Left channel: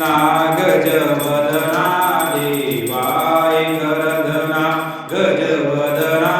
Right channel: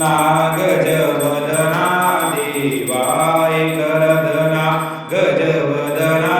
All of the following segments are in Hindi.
नाग जवदना देवाय करदना गजवदना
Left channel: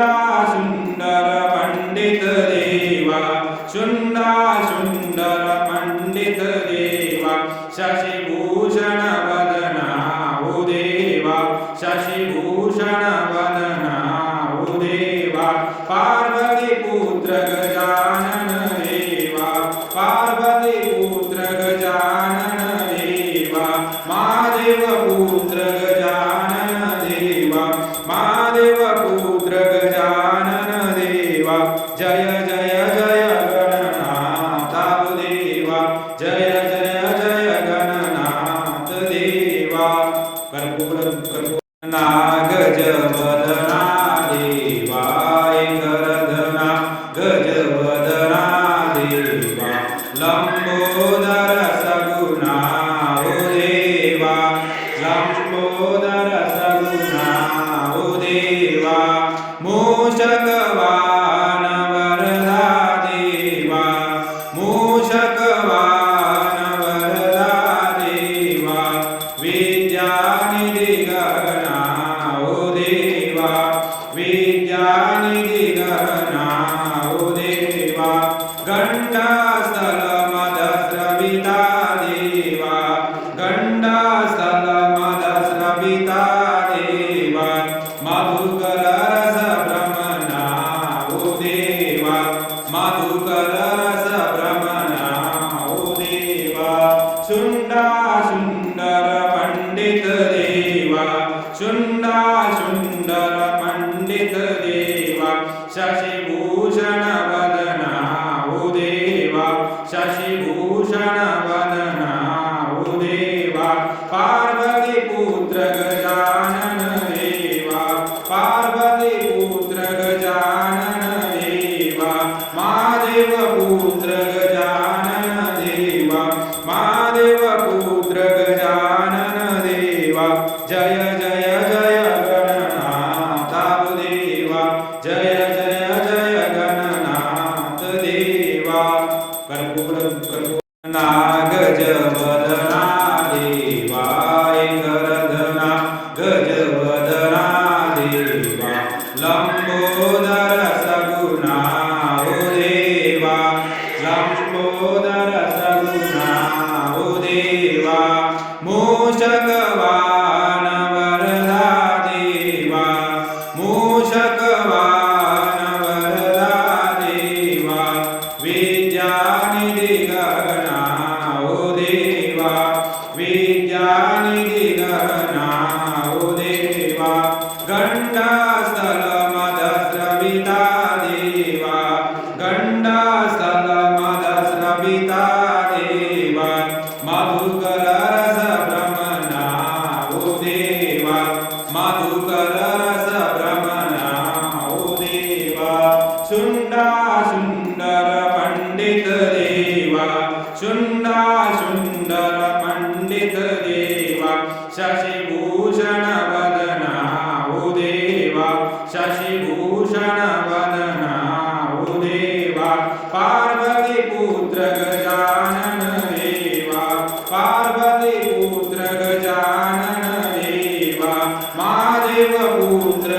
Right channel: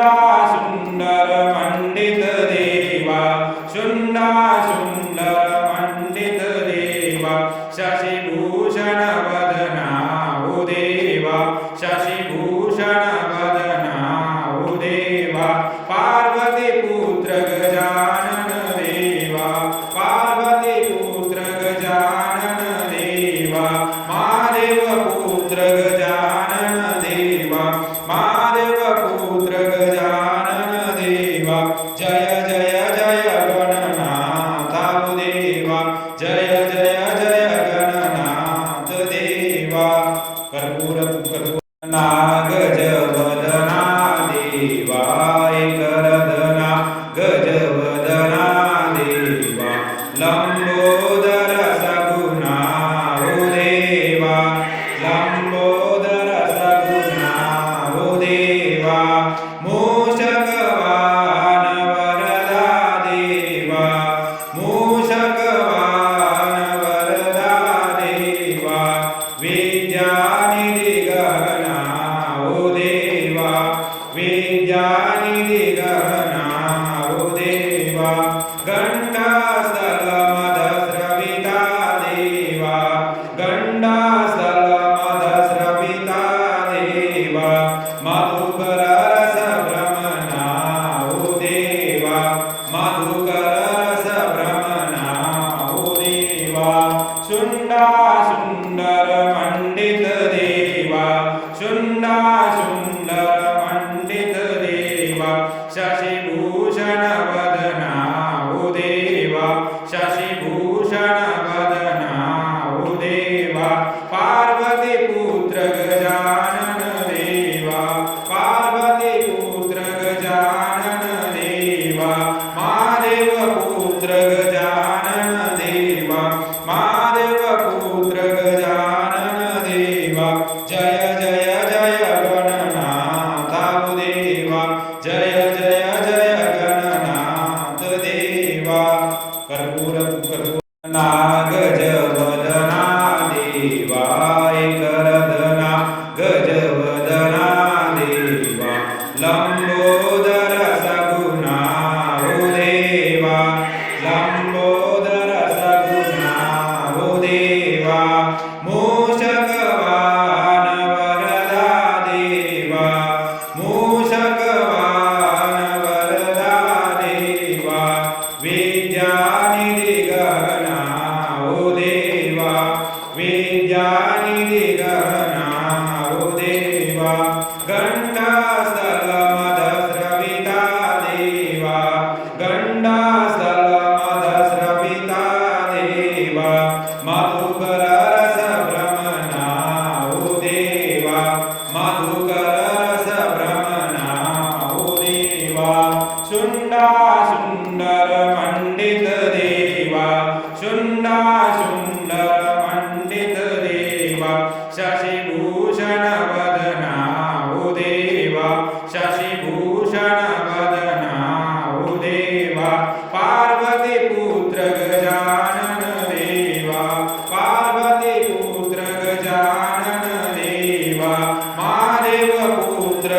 शुण्डा सुंदर पंडित देवा शुण्डा सुंदर पंडित देवा शशिभूषण वदना ओ हो देवा शशिभूषण वदना ओ हो देवा पार्वती पुत्र देवा। जय जय जय गणनाथ देवा। कर्पूर कर्पूर शुण्डा शुण्डर पण्डित देवा शशिभूषण वदना देव शशिभूषण वदना कर्पूर कर्पूर देव मधुकररसभ्रमणा भ्रमणा उदेवा मधुकरस भ्रमणा देव सुण्डा सुण्डर देव शुण्डा सुन्दर पण्डित देव शशिभूषण वदनादेवा शशिभूषण पार्वती पुत्र गजानन देवा पार्वती पुत्र गजानन देवा महादेव पुत्र